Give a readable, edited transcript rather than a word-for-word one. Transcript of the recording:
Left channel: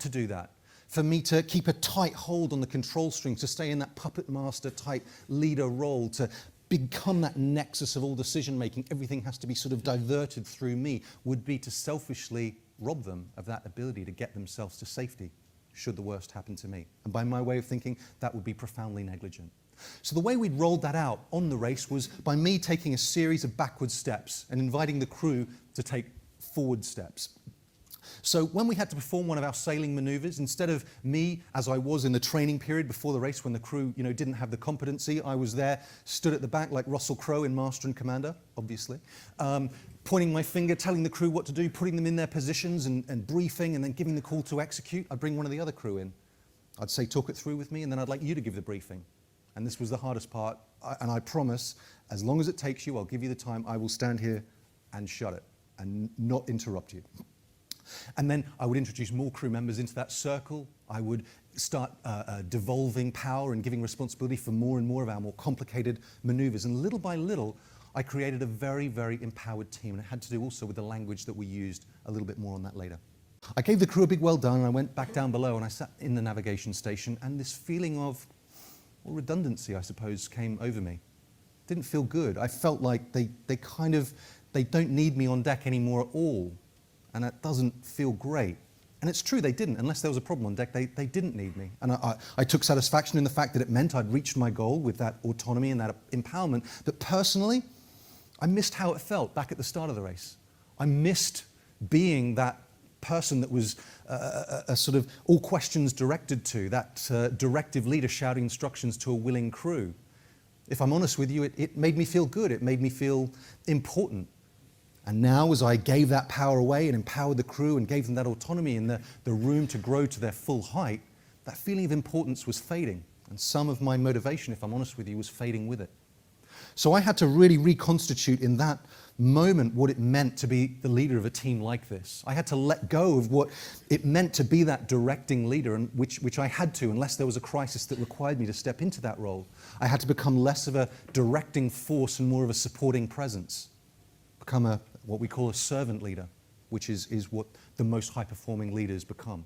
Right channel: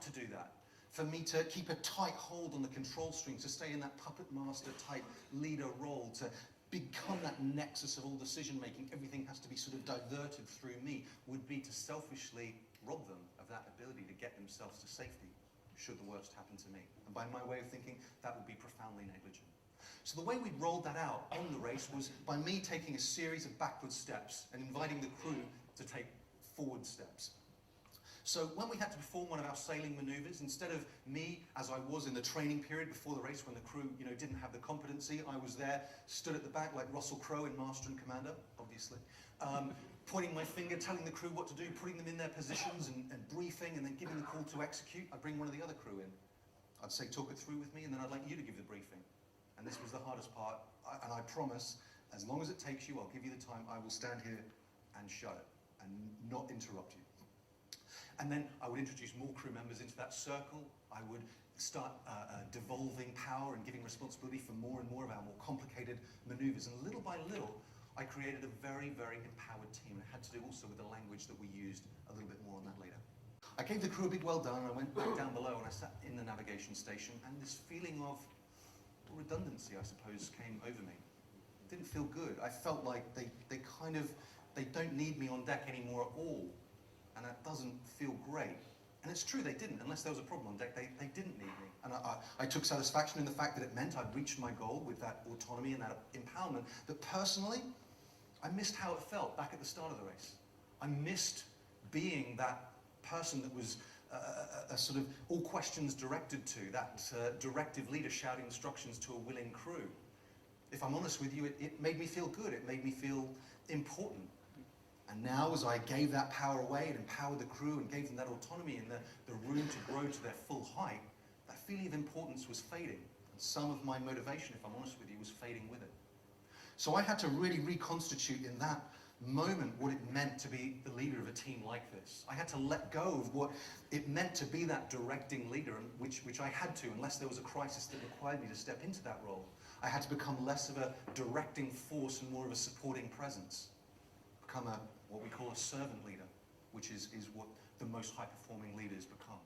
not to do that, for me to keep a tight hold on the control strings, to stay in that puppet master type leader role, to become that nexus of all decision making, everything has to be sort of diverted through me, would be to selfishly rob them of that ability to get themselves to safety, should the worst happen to me. And by my way of thinking, that would be profoundly negligent. So the way we'd rolled that out on the race was by me taking a series of backward steps and inviting the crew to take forward steps. So when we had to perform one of our sailing maneuvers, instead of me, as I was in the training period before the race when the crew didn't have the competency, I was there, stood at the back like Russell Crowe in Master and Commander, obviously, pointing my finger, telling the crew what to do, putting them in their positions and briefing, and then giving the call to execute. I'd bring one of the other crew in. I'd say, talk it through with me, and then I'd like you to give the briefing. And this was the hardest part, and I promise, as long as it takes you, I'll give you the time, I will stand here and shut it and not interrupt you. And then I would introduce more crew members into that circle. I would start devolving power and giving responsibility for more and more of our more complicated maneuvers. And little by little, I created a very, very empowered team. And it had to do also with the language that we used. A little bit more on that later. I gave the crew a big well done, and I went back down below and I sat in the navigation station, and this feeling of redundancy, I suppose, came over me. Didn't feel good. I felt like they don't need me on deck anymore at all. And that doesn't feel great. And it's true, they didn't. Unless there was a problem on deck, they didn't need me. And I took satisfaction in the fact that it meant I'd reached my goal with that autonomy and that empowerment. But personally, I missed how it felt back at the start of the race. I missed being that person that was a sort of all questions directed to, that directive leader shouting instructions to a willing crew. If I'm honest with you, it made me feel good. It made me feel important. And now, as I gave that power away and empowered the crew and gave them that autonomy and the room to grow to their full height, that feeling of importance was fading. And some of my motivation, if I'm honest with you, was fading with it. So I had to really reconstitute in that moment what it meant to be the leader of a team like this. I had to let go of what it meant to be that directing leader, and which I had to, unless there was a crisis that required me to step into that role. I had to become less of a directing force and more of a supporting presence. Become what we call a servant leader, which is what the most high-performing leaders become.